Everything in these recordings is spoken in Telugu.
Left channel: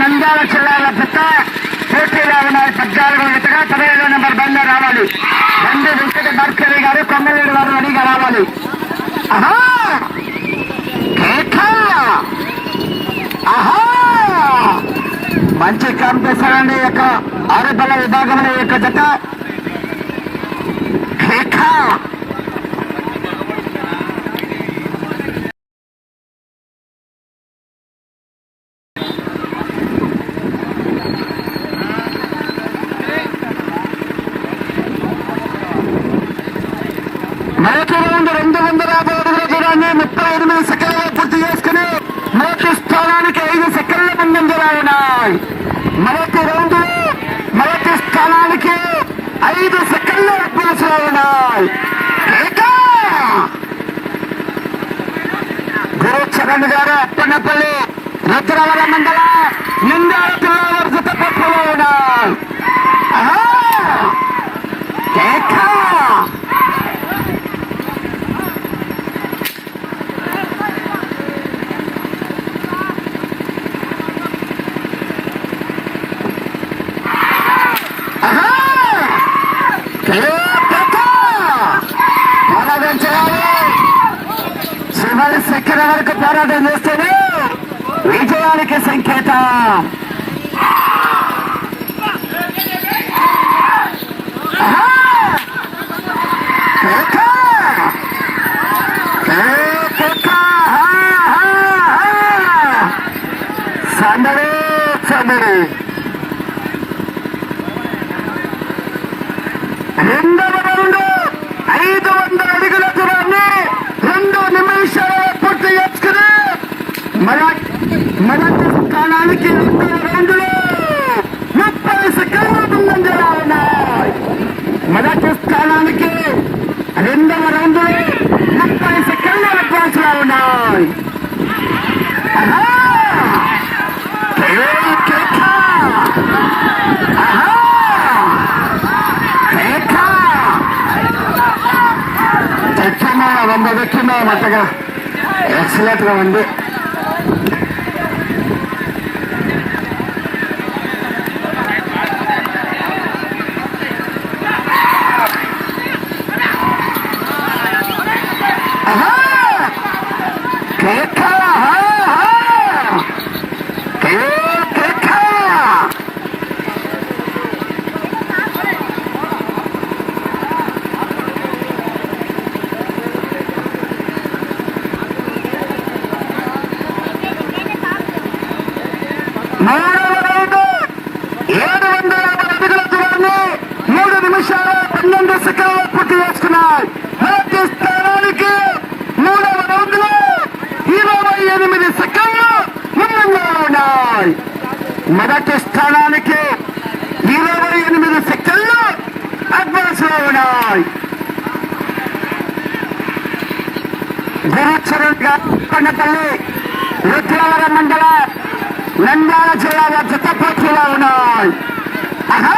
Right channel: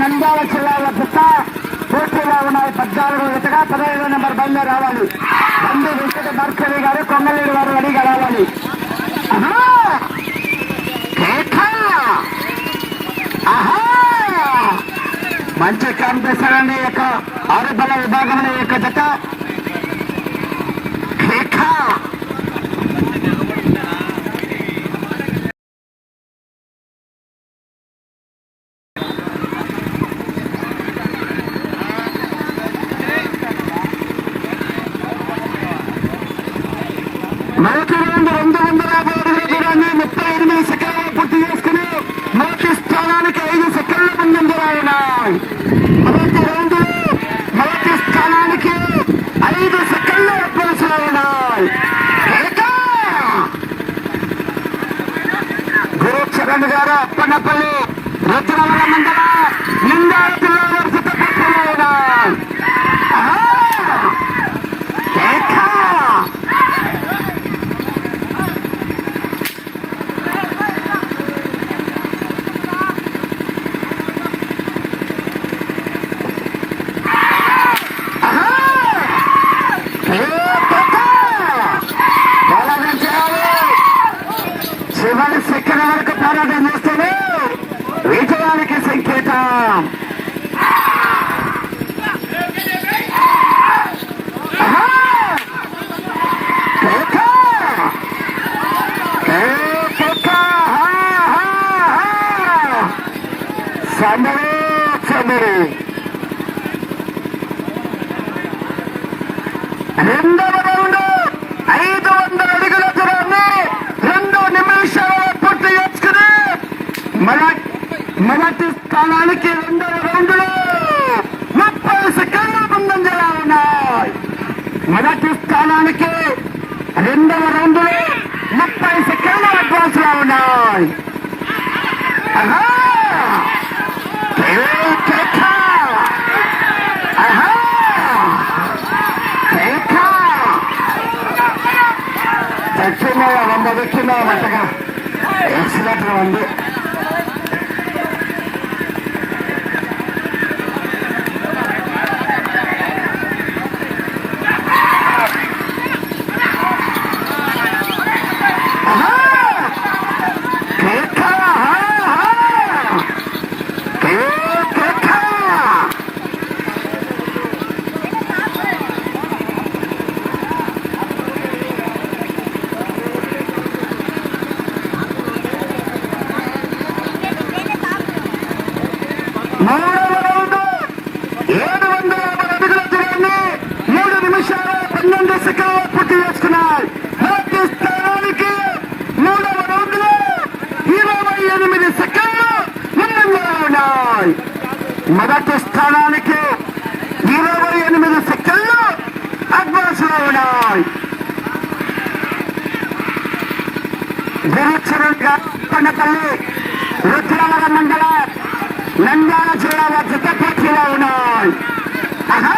నంద్యాల జిల్లాల జత పోటీలో ఉన్నాయి పద్నాలుగు జతగా పదిహేడు నెంబర్ బండి రావాలి. బండి వెంకట భాస్కరి గారు కొమ్మలేడు గారు రెడీగా రావాలి. మంచి కాంపిటీషన్ అండి ఈ యొక్క ఆరుబల విభాగంలో యొక్క జత. మొదటి రౌండ్ రెండు వందల యాభై అడుగుల దూరాన్ని ముప్పై ఎనిమిది సెకండ్లు పూర్తి చేసుకుని మొదటి స్థానానికి ఐదు సెకండ్ల ముందు రాయినాయి మొదటి రౌండ్ మొదటి స్థానానికి ఐదు సెకండ్ల అడ్వాన్స్లో గురు చరణ్ గారు అప్పన్నపల్లి రుద్రవర మండల నిండా శివని శక్రానికి పోరాటం చేస్తేనే విజయానికి సంకేతం సందడి సందడి రెండవ రౌండ్ ఐదు వందల అడుగుల దూరాన్ని రెండు నిమిషాల పూర్తి చేసుకుని మొదటి మొదటి స్థానానికి రెండవ లో ముప్పై సెకండ్ల ముందంజలా ఉన్నాయి మొదటి స్థానానికి రెండవ రౌండ్లో ముప్పై సెకండ్ల అడ్వాన్స్లో ఉన్నాయి ఆహా! ఏయ్ కేక! ఆహా! చచ్చిన నమ్మదచ్చిన మెత్తగా ఎక్సలెంట్గా ఉంది ఆహా! కేక! ఆహా! కే- కేక! మూడవ రౌండ్ ఏడు వందల యాభై అడుగుల దూరాన్ని మూడు నిమిషాల పన్నెండు సెకండ్లు పూర్తి చేసుకున్నాయి మొదటి స్థానానికి మూడవ రౌండ్లో ఇరవై ఎనిమిది సెకండ్లు ముందంజలో ఉన్నాయి మొదటి స్థానానికి ఇరవై ఎనిమిది సెకండ్లు అడ్వాన్స్లో ఉన్నాయి. గురుచరణ్ పండపల్లి రుద్రవరం మండల నంద్యాల జిల్లా జిల్లాలో పోటీలో ఉన్నాయి. ఆహా!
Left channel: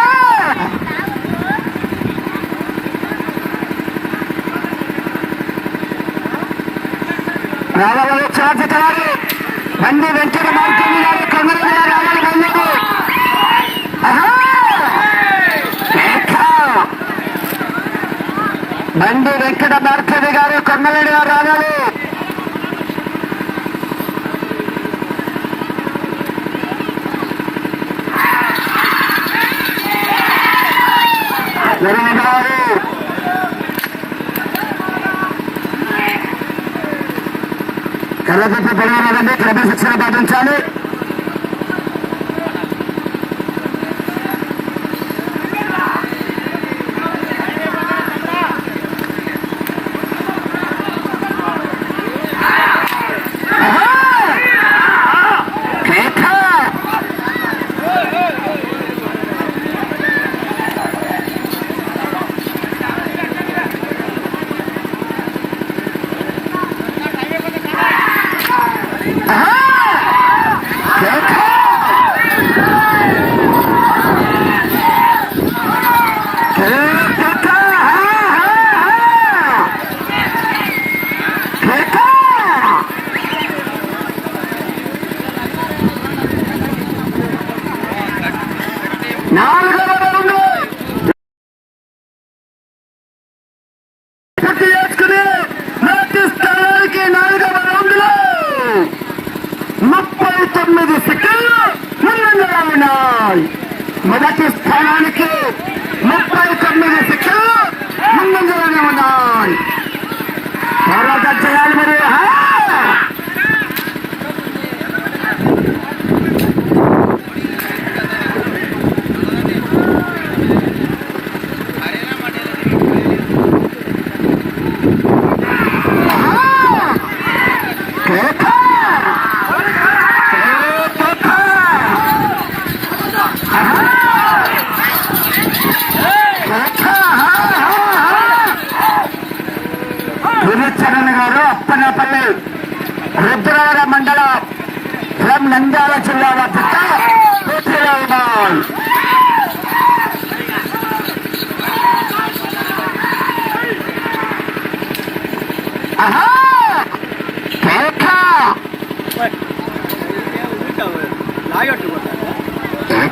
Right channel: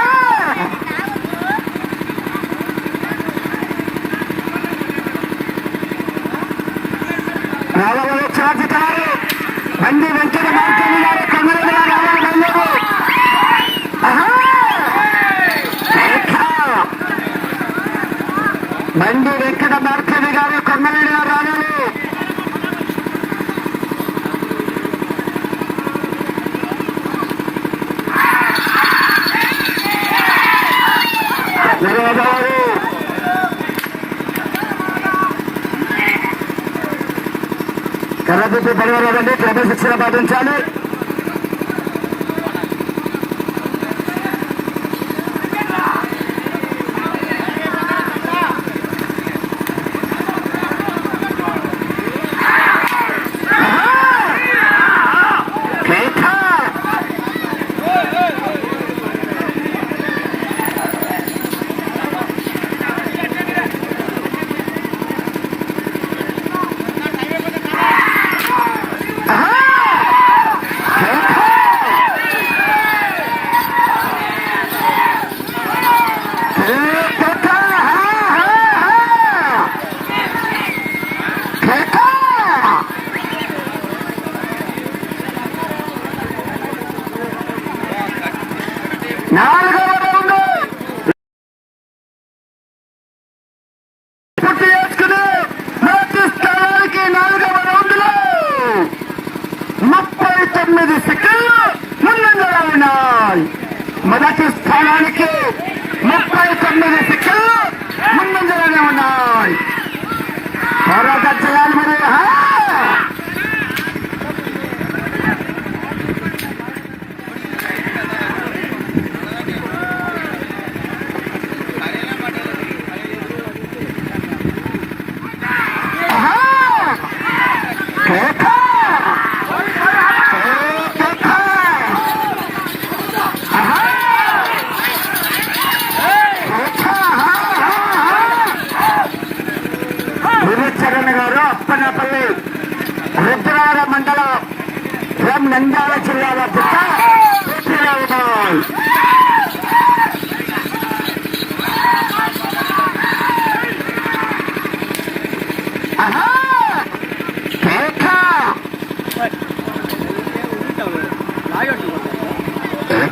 రావాలి చార్జకారు బండి వెంకట మార్కెట్ గారు బండి రేఖ! వెంకట మార్కెట్ గారు కొమ్మలేని గారు రావాలి జరగాలి. పడవలండి క్రమశిక్షణ పాటించాలి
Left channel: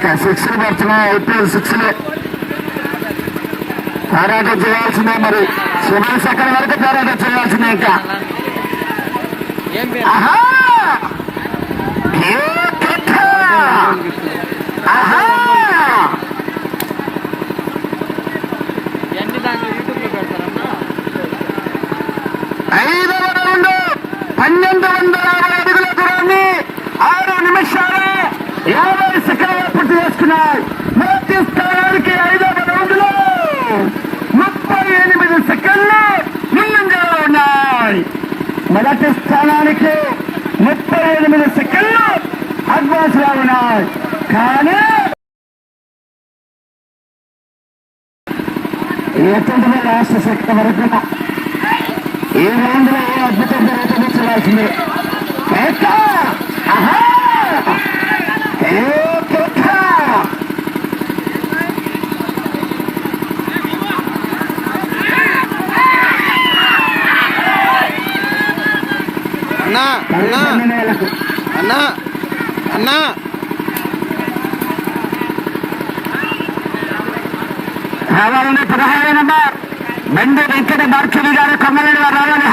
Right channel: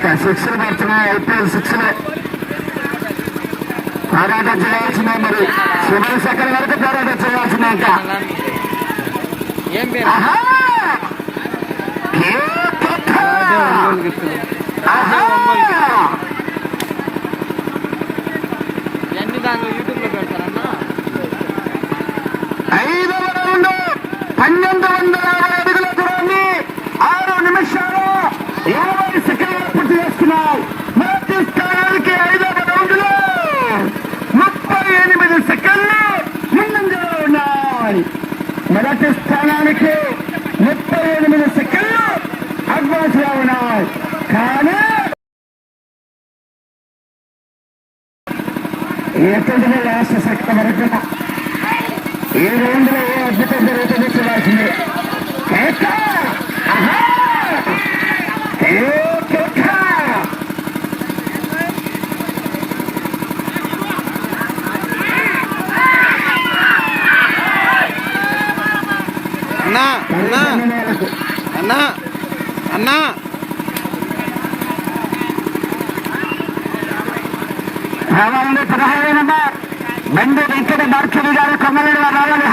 కేక శిక్షలు పడుతున్నాయి ఐపీఎల్ శిక్షలే పోరాటం చేయాల్సిందే మరి చివరి సెకండ్ వరకు పోరాటం చేయాల్సిందే ఇంకా ఆహా! ఆహా! ఎన్ని దాంట్లో యూట్యూబ్లో పెడతారన్నా ఐదవ రౌండ్ పన్నెండు వందల యాభై అడుగుల దూరాన్ని ఆరు నిమిషాలు యాభై సెకండ్లు పూర్తి మొదటి స్థానానికి ఐదవ రౌండ్లో ముప్పై ఎనిమిది సెకండ్లు ముందంజలో ఉన్నాయి. మొదటి స్థానానికి ముప్పై ఎనిమిది సెకండ్లు అడ్వాన్స్లో ఉన్నాయి. కానీ ఎటువంటి లాస్ట్ సెకండ్ వరకు ఈ రౌండ్లో ఏ అద్భుతం జరుగుతుందో చూడాల్సిందే. కేక! ఆహా! ఏ కేక! అన్నా అన్నా అన్నా అన్నా రావాలండి పదహారు నంబర్ బండి వెంకట భార్గవి గారు కొమ్మలేడు వారు రావాలి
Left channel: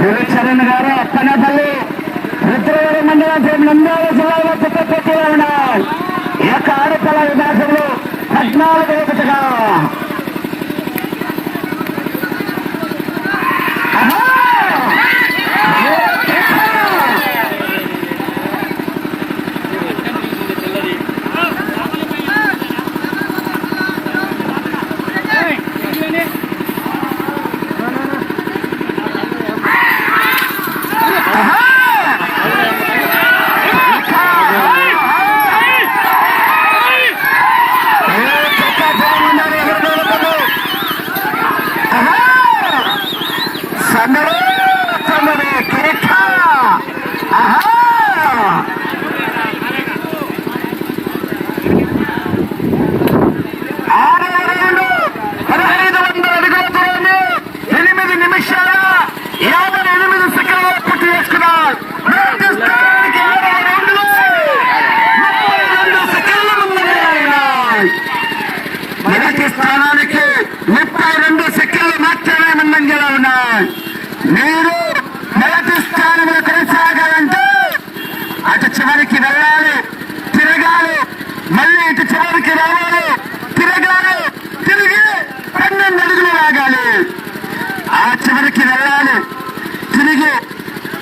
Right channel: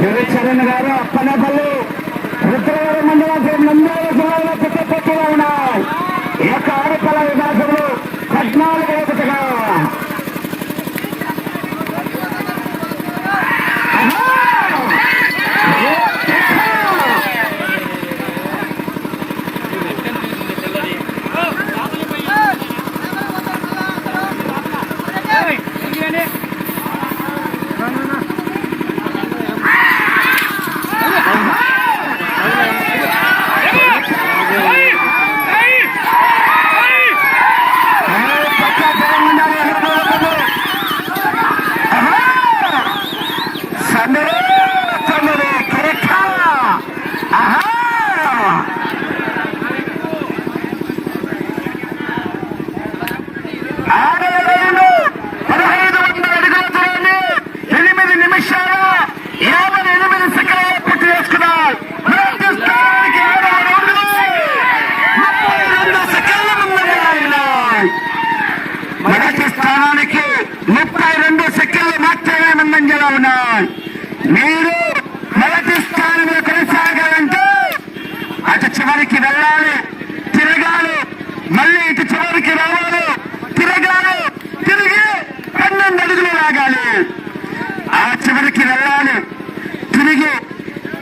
గురుచరణ్ గారు అప్పనపల్లి రుద్రవరం మండలం నంద్యాల జిల్లాలో పెద్ద పోటీలో ఉన్నాయి. ఈ యొక్క ఆడపిల్ల విభాగంలో పద్నాలుగు ఒకటిగా సందరు సందరు కరెక్ట్ ఆరు రెండు పదహైదు వందల అడుగుల దూరాన్ని ఎనిమిది నిమిషాల యాభై ఎనిమిది పూర్తి చేసుకున్నారు మొదటి స్థానానికి ముప్పై రెండు సెకండ్ల ముందంజలో ఉన్నాయి మొదటి స్థానానికి ముప్పై రెండు సెకండ్లు మాత్రమే ముందంజలో ఉన్నాయి. మీరు మొదటి స్థానంలో కొనసాగాలంటే అటు చివరికి వెళ్ళాలి తిరగాలి మళ్ళీ ఇటు చివరికి రావాలి తిరగాలి తిరిగి పన్నెండు అడుగులు లాగాలి ఆ చివరికి వెళ్ళాలి తిరిగి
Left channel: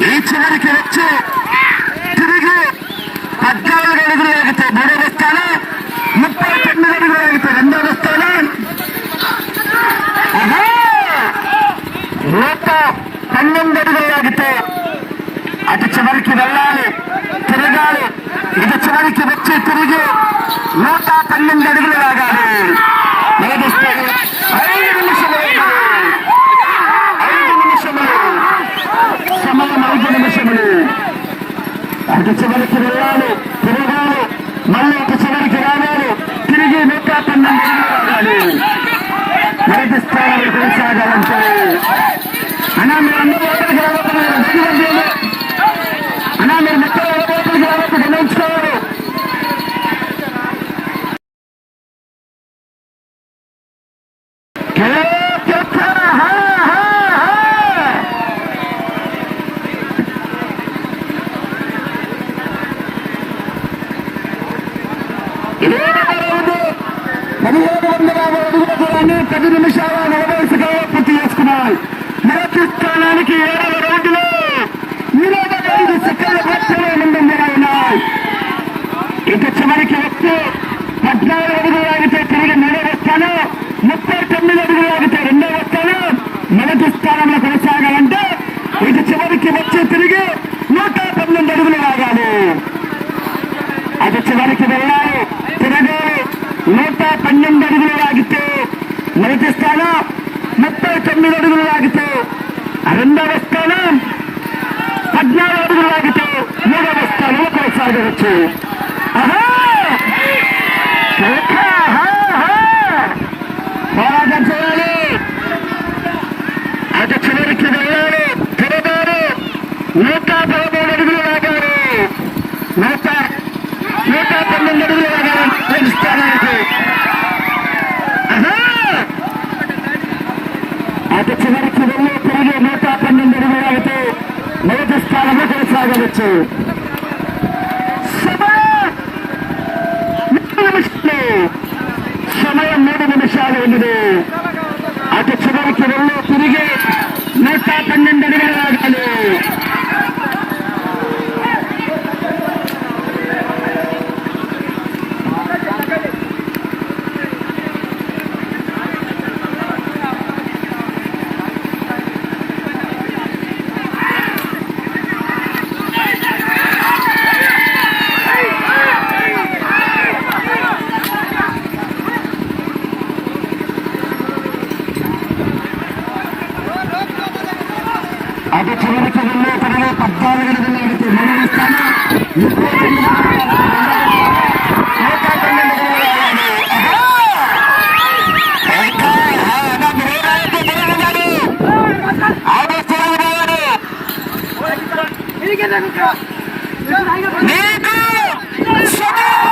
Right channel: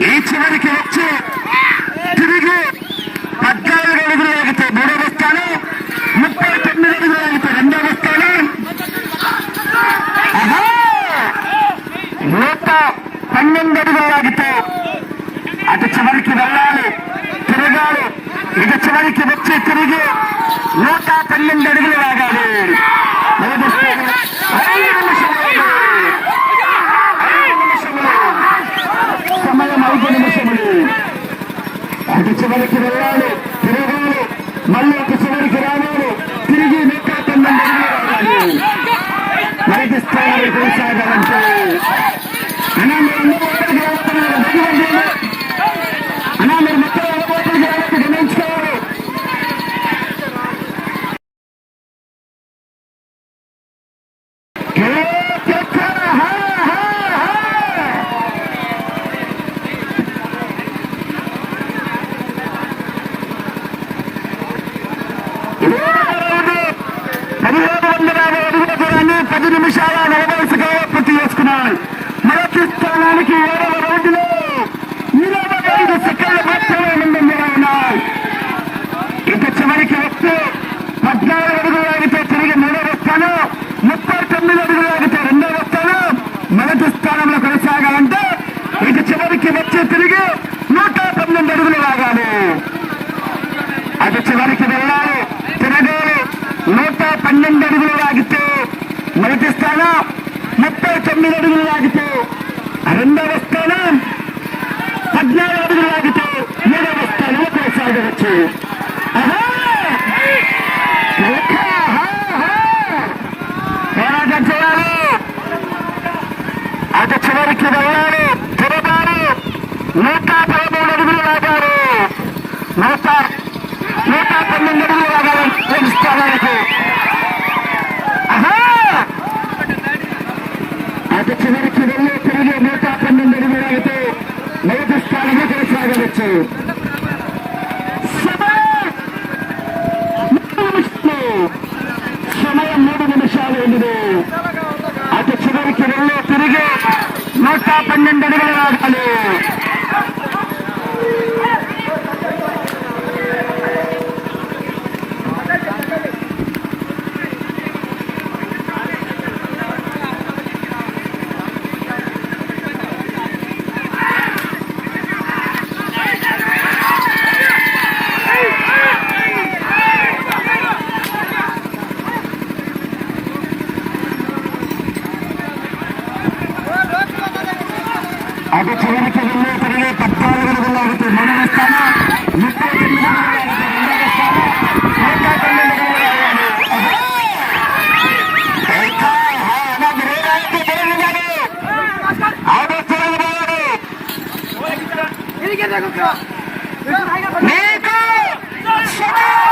ఈ చివరికి వచ్చి తిరిగి పద్నాలుగు అడుగులు లాగితే మూడవ స్థానం ముప్పై తొమ్మిది అడుగులు లాగితే రెండవ స్థానం ఆహా! నూట పన్నెండు అడుగుల అటు చివరికి వెళ్ళాలి తిరగాలి. ఇది చివరికి వచ్చి తిరిగి నూట పన్నెండు అడుగులు లాగాలి సమయం అటు చివరికి వెళ్ళాలి తిరగాలి. మళ్ళీ ఒక చివరికి రావాలి. తిరిగి నూట పన్నెండు అడుగులు రావాలి మొదటి స్థానంలో కొనసాగాలంటే அண்ணா அந்த నుంచి పోరాటం చేయాలి అటు చివరికి వెళ్ళాలి తిరగాలి నూట పదమూడు అడుగులు లాగారు నూట నూట పన్నెండు అడుగులు లాగాలి తెలుసుకోవడానికి అటు చివరికి వెళ్ళి తిరిగి నూట పన్నెండు అడుగులు లాగితే మొదటి స్థానంలో కొనసాగవచ్చు பெண்ணன் தடுகலாகாது るけ。ー、ト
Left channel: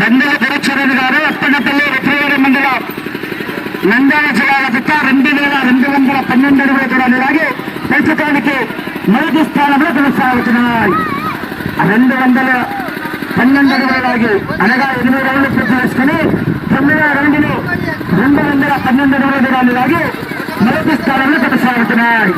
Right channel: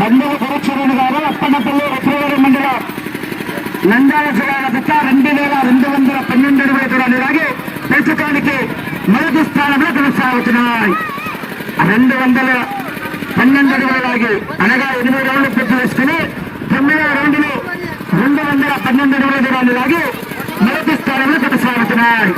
బందెల కరచరణ్ గారు అప్పనపల్లి రుద్రవరం మండలం నంద్యాల జిల్లాల బిడ్డ రెండు వేల రెండు వందల పన్నెండు అడుగుల దూరాన్ని లాగి పెంచడానికి మొదటి స్థానంలో కొనసాగుతున్నాయి. రెండు వందల పన్నెండు అడుగుల లాగి అనగా ఎనిమిది రౌండ్లు పూర్తి చేసుకుని తొమ్మిదవ రౌండ్లు రెండు వందల పన్నెండు అడుగుల దూరాన్ని లాగి మొదటి స్థానంలో కొనసాగుతున్నాయి.